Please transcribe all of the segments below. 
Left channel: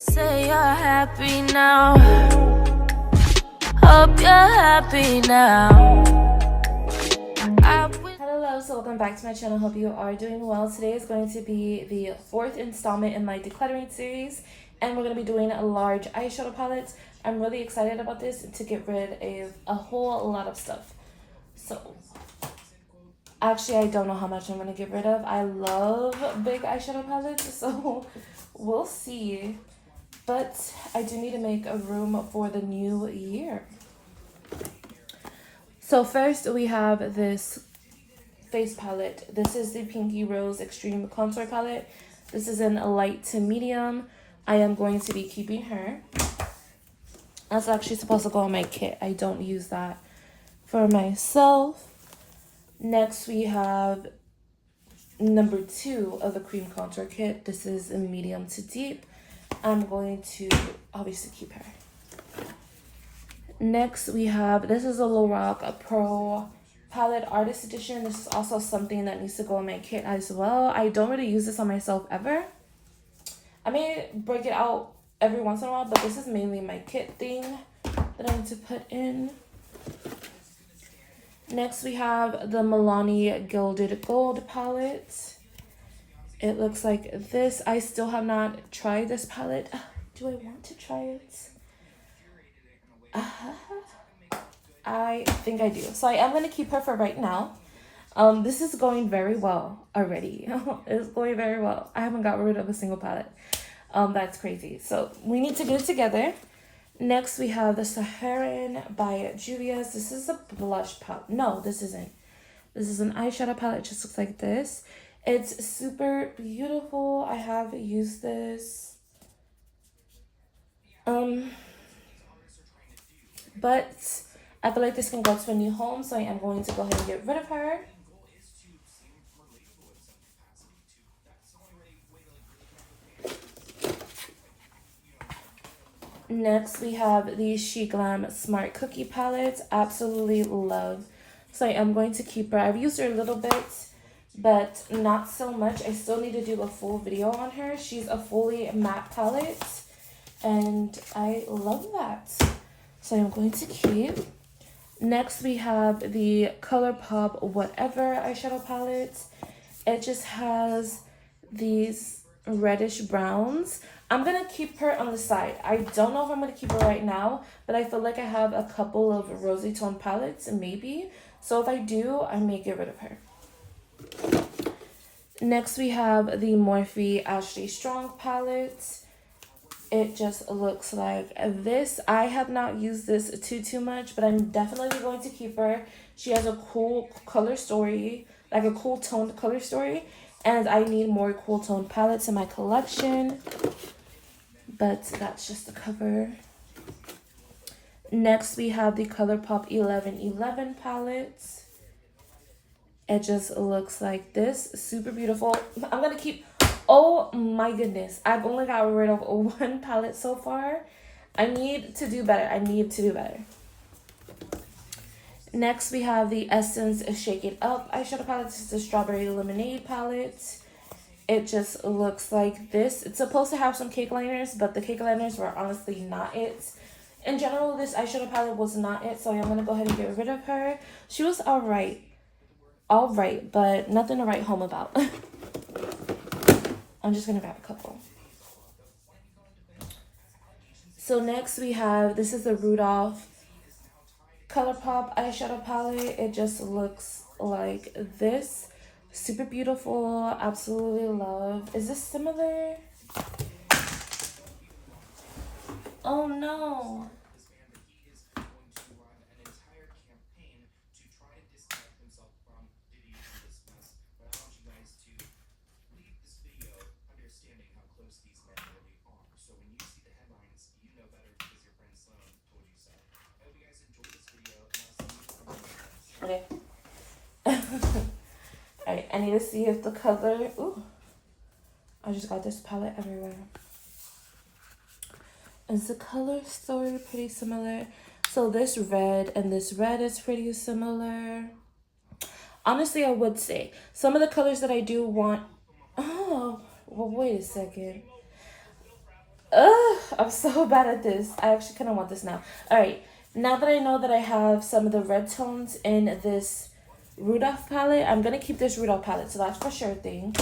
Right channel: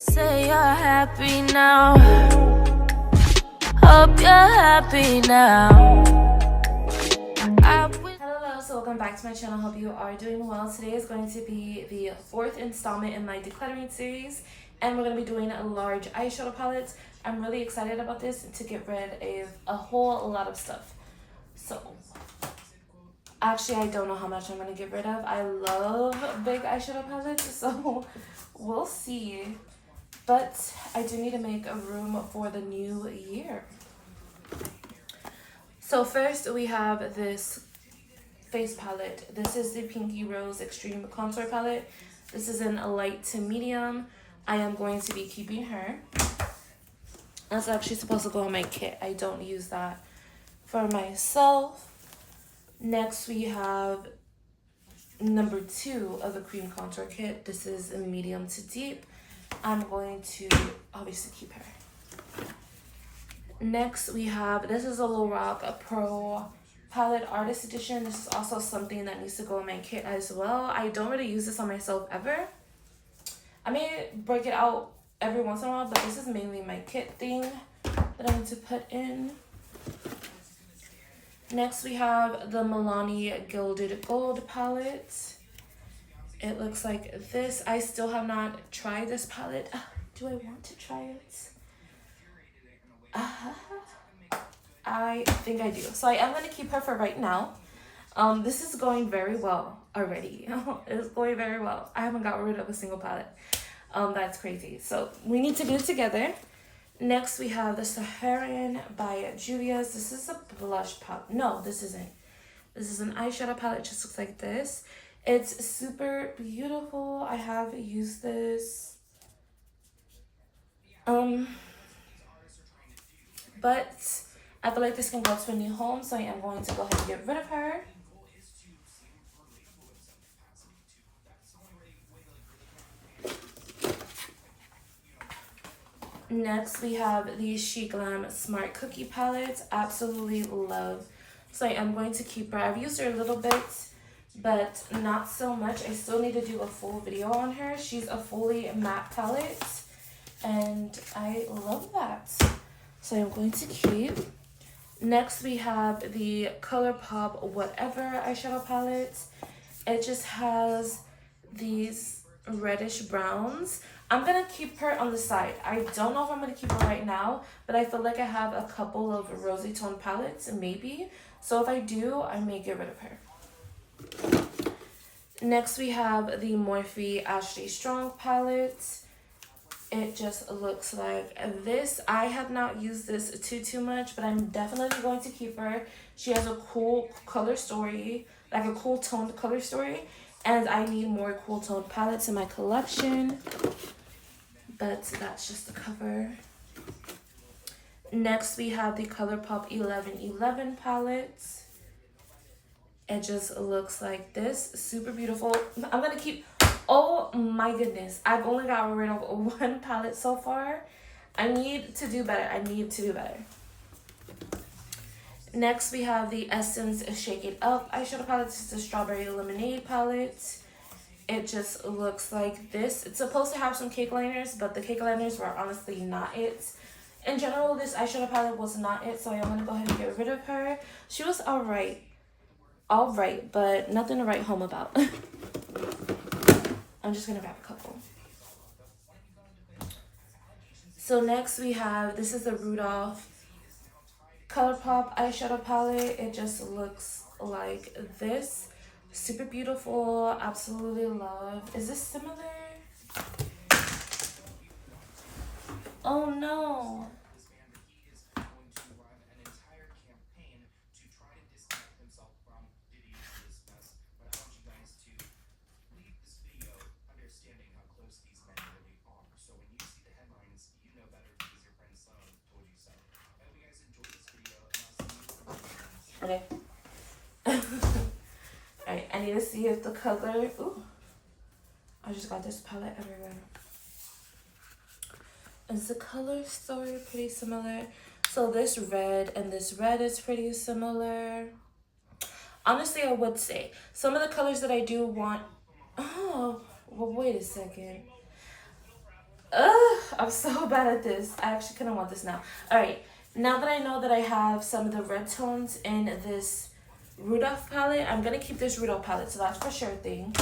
Say you're happy now. Hope you're happy now. Hello, so welcome back to my channel. Hope you are doing well. Today is going to be the fourth installment in my decluttering series, and we're going to be doing a large eyeshadow palette. I'm really excited about this to get rid of a whole lot of stuff. So actually, I don't know how much I'm going to get rid of. I love big eyeshadow palettes, so we'll see. But I do need to make a room for the new year. So first we have this face palette. This is the Pinky Rose Extreme Contour Palette. This is in a light to medium. I am going to be keeping her. That's actually supposed to go in my kit. I don't use that for myself. Next we have number 2 of the cream contour kit. This is a medium to deep. I'm going to obviously keep her. Next we have, this is a Lorac Pro Palette Artist Edition. This is also something that needs to go in my kit as well. I don't really use this on myself ever. I may break it out every once in a while, but this is mainly my kit thing that I need to put in. Next we have the Milani Gilded Gold Palette. It looks like this. I still have not tried this palette. Do I want to try it? I think I do. So I am going to keep her for right now. This is going very well already. It's going very well. I haven't gotten rid of a single palette. That's crazy. So we need to get it together. Next we have the Saharan by Julia's. This is a blush palette. No, this isn't. This is an eyeshadow palette. It just looks like this. It's super beautiful. I have used this. But I feel like this can go to a new home, so I am going to go ahead and get rid of her. Next, we have the She Glam Smart Cookie Palette. Absolutely love. So I am going to keep her. I've used her a little bit, but not so much. I still need to do a full video on her. She's a fully matte palette, and I love that. So I'm going to keep. Next, we have the ColourPop Whatever eyeshadow palette. It just has these reddish browns. I'm going to keep her on the side. I don't know if I'm going to keep her right now, but I feel like I have a couple of rosy tone palettes, maybe. So if I do, I may get rid of her. Next, we have the Morphe Ashley Strong palette. It just looks like this. I have not used this too much, but I'm definitely going to keep her. She has a cool color story, like a cool toned color story, and I need more cool toned palettes in my collection. But that's just the cover. Next, we have the ColourPop 1111 palette. It just looks like this. Super beautiful. I'm going to keep... Oh my goodness. I've only got rid of one palette so far. I need to do better. I need to do better. Next, we have the Essence Shake It Up eyeshadow palette. This is the Strawberry Lemonade palette. It just looks like this. It's supposed to have some cake liners, but the cake liners were honestly not it. In general, this eyeshadow palette was not it, so I'm going to go ahead and get rid of her. She was alright, but nothing to write home about. I'm just going to grab a couple. So next we have, this is the Rudolph ColourPop eyeshadow palette. It just looks like this. Super beautiful. Absolutely love. Is this similar? Oh no. Okay. Alright, I need to see if the color... Ooh. I just got this palette everywhere. Is the color story pretty similar? So this red and this red is pretty similar. Honestly, I would say some of the colors that I do want... Oh, well, wait a second. I'm so bad at this. I actually kind of want this now. Alright, now that I know that I have some of the red tones in this Rudolph palette, I'm going to keep this Rudolph palette, so that's for sure thing.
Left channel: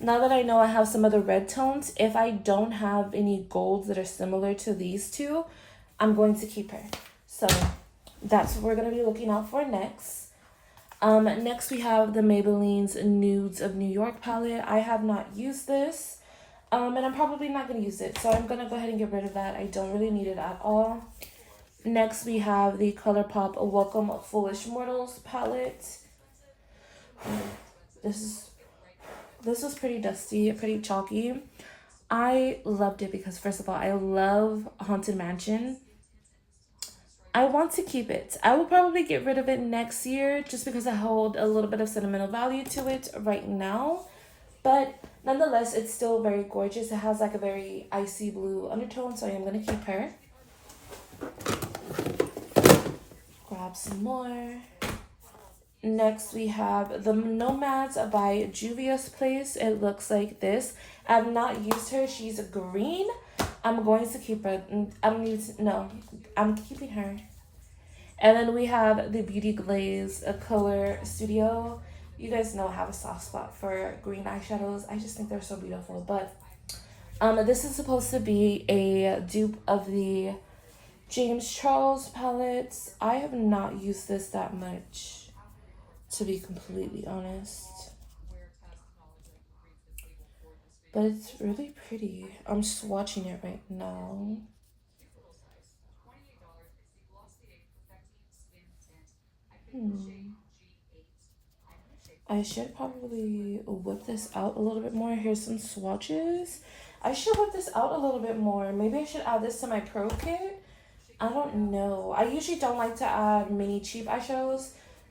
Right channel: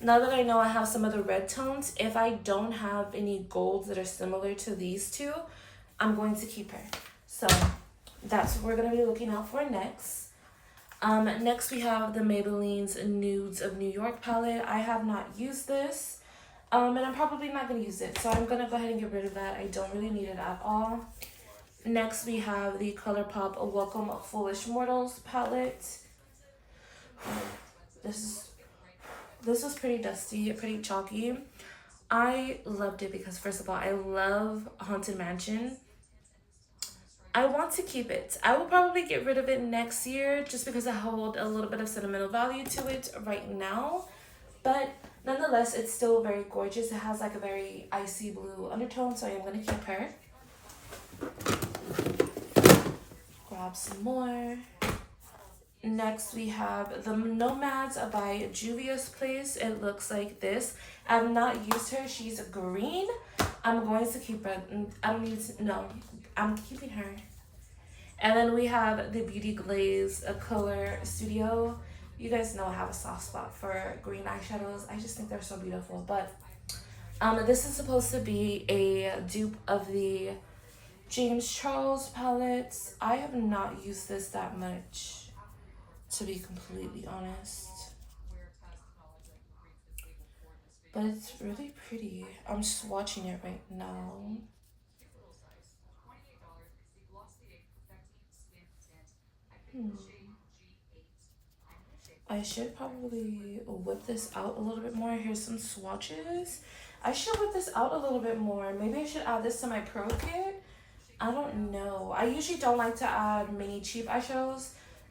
Now that I know I have some of the red tones, if I don't have any golds that are similar to these two, I'm going to keep her. So that's what we're going to be looking out for next. Next we have the Maybelline's Nudes of New York palette. I have not used this, and I'm probably not going to use it, so I'm going to go ahead and get rid of that. I don't really need it at all. Next we have the ColourPop Welcome Foolish Mortals palette. This was pretty dusty, pretty chalky. I loved it because, first of all, I love Haunted Mansion. I want to keep it. I will probably get rid of it next year just because I hold a little bit of sentimental value to it right now. But nonetheless, it's still very gorgeous. It has like a very icy blue undertone, so I'm going to keep her. Grab some more. Next, we have the Nomads by Juvia's Place. It looks like this. I've not used her. She's green. I'm going to keep her. I don't need to, no, I'm keeping her. And then we have the Beauty Glaze Color Studio. You guys know I have a soft spot for green eyeshadows. I just think they're so beautiful. But this is supposed to be a dupe of the James Charles palettes. I have not used this that much, to be completely honest. But it's really pretty. I'm swatching it right now. I should probably whip this out a little bit more. Here's some swatches. I should whip this out a little bit more. Maybe I should add this to my pro kit. I don't know. I usually don't like to add mini cheap eyeshadows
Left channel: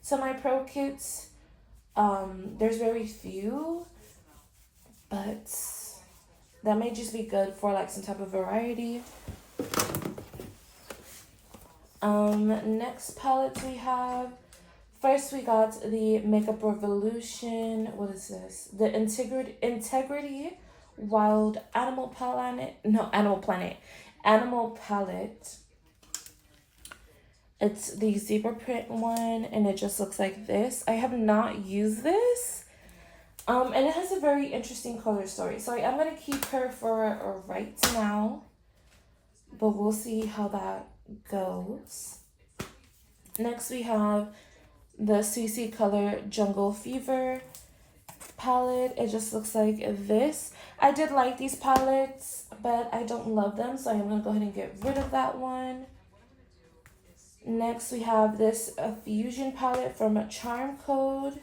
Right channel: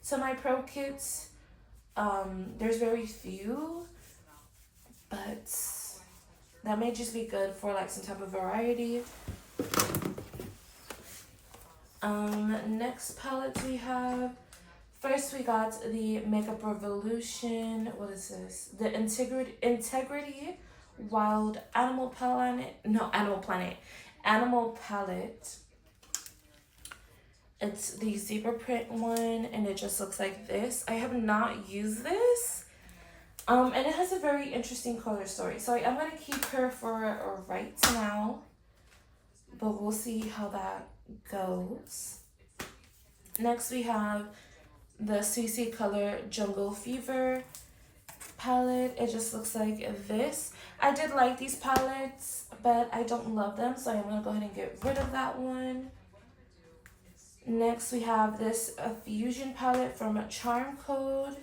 to my pro kits. There's very few, but that may just be good for like some type of variety. Next palettes we have. First we got the Makeup Revolution. What is this? The Integrity Wild Animal Planet. No, Animal Planet. Animal Palette. It's the zebra print one, and it just looks like this. I have not used this. And it has a very interesting color story. So I'm going to keep her for right now. But we'll see how that goes. Next we have the CC Color Jungle Fever palette. It just looks like this. I did like these palettes, but I don't love them, so I'm going to go ahead and get rid of that one. Next we have this Fusion palette from Charm Code.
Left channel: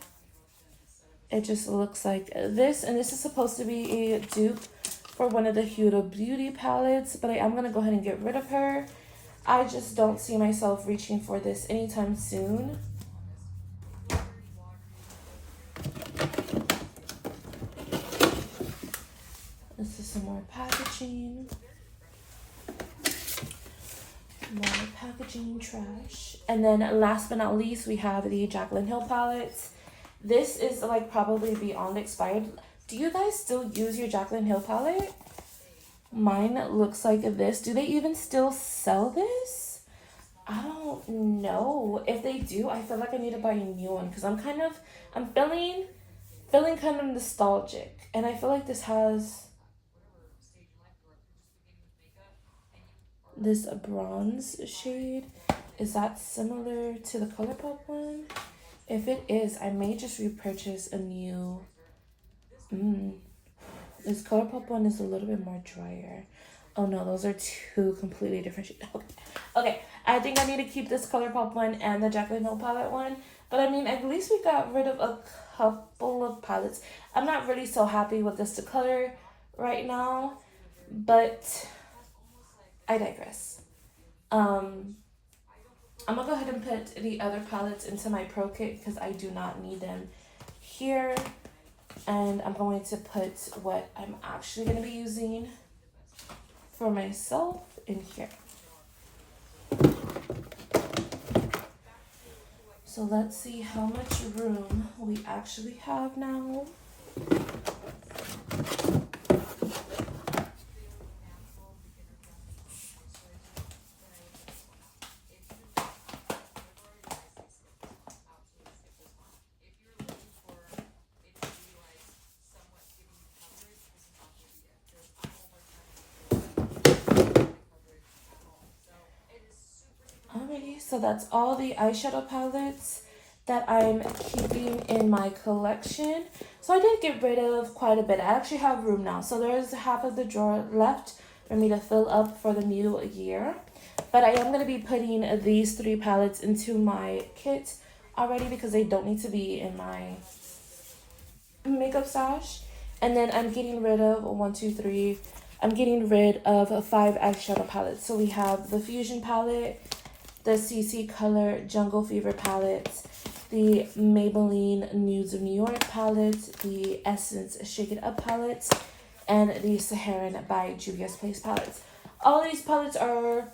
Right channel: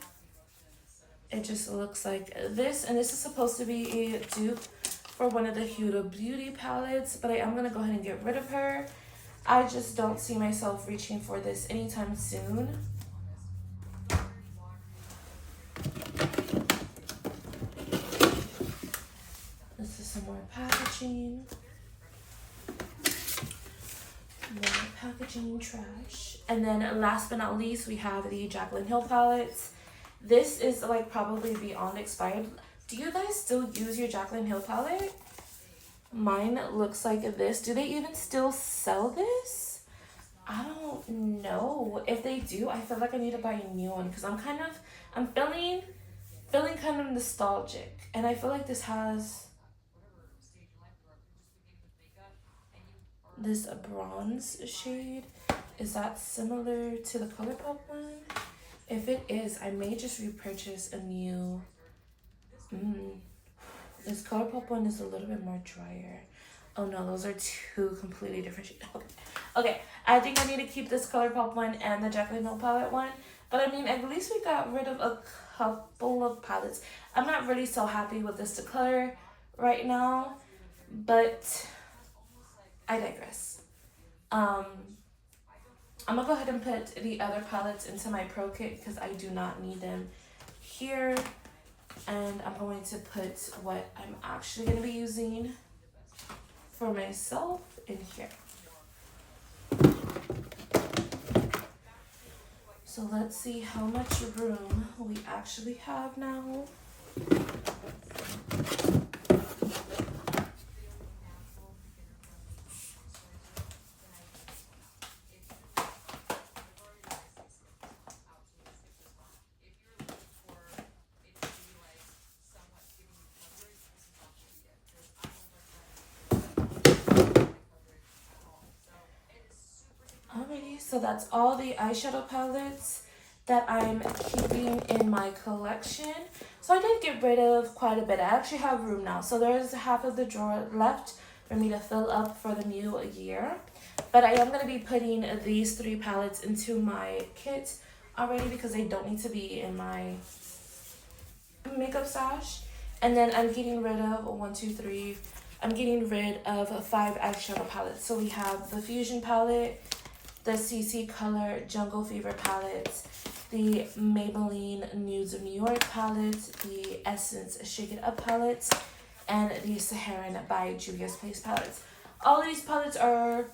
It just looks like this, and this is supposed to be a dupe for one of the Huda Beauty palettes, but I'm going to go ahead and get rid of her. I just don't see myself reaching for this anytime soon. This is some more packaging. More packaging trash. And then last but not least, we have the Jaclyn Hill palettes. This is like probably beyond expired. Do you guys still use your Jaclyn Hill palette? Mine looks like this. Do they even still sell this? I don't know. If they do, I feel like I need to buy a new one because I'm feeling kind of nostalgic. And I feel like this has this bronze shade. Is that similar to the ColourPop one? If it is, I may just repurchase a new. This ColourPop one is a little bit more drier. Oh no, those are two completely different shades. Okay, I think I need to keep this ColourPop one and the Jaclyn Hill palette one. But I mean, at least we got rid of a couple of palettes. I'm not really so happy with this Declutter right now, but I digress. I'm gonna go ahead and put the other palettes into my pro kit because I do not need them here. And I'm going to put what I'm actually going to be using for myself in here. So let's see how much room we actually have now. that's all the eyeshadow palettes that I'm keeping in my collection. So I did get rid of quite a bit. I actually have room now. So there's half of the drawer left for me to fill up for the new year. But I am going to be putting these 3 palettes into my kit already because they don't need to be in my makeup stash. And then I'm getting rid of I'm getting rid of 5 eyeshadow palettes. So we have the Fusion palette, the CC Color Jungle Fever palette, the Maybelline Nudes of New York palette, the Essence Shake It Up palette, and the Saharan by Juvia's Place palette. All of these palettes are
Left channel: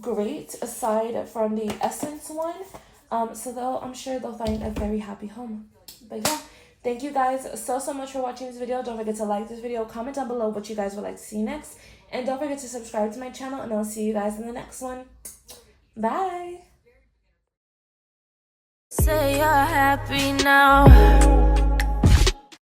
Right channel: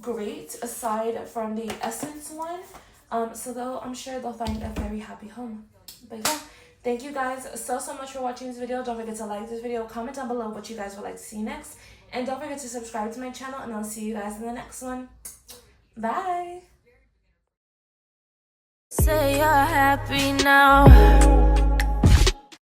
great aside from the Essence one. So I'm sure they'll find a very happy home. But yeah. Thank you guys so much for watching this video. Don't forget to like this video, comment down below what you guys would like to see next, and don't forget to subscribe to my channel, and I'll see you guys in the next one. Bye! Say you're happy now.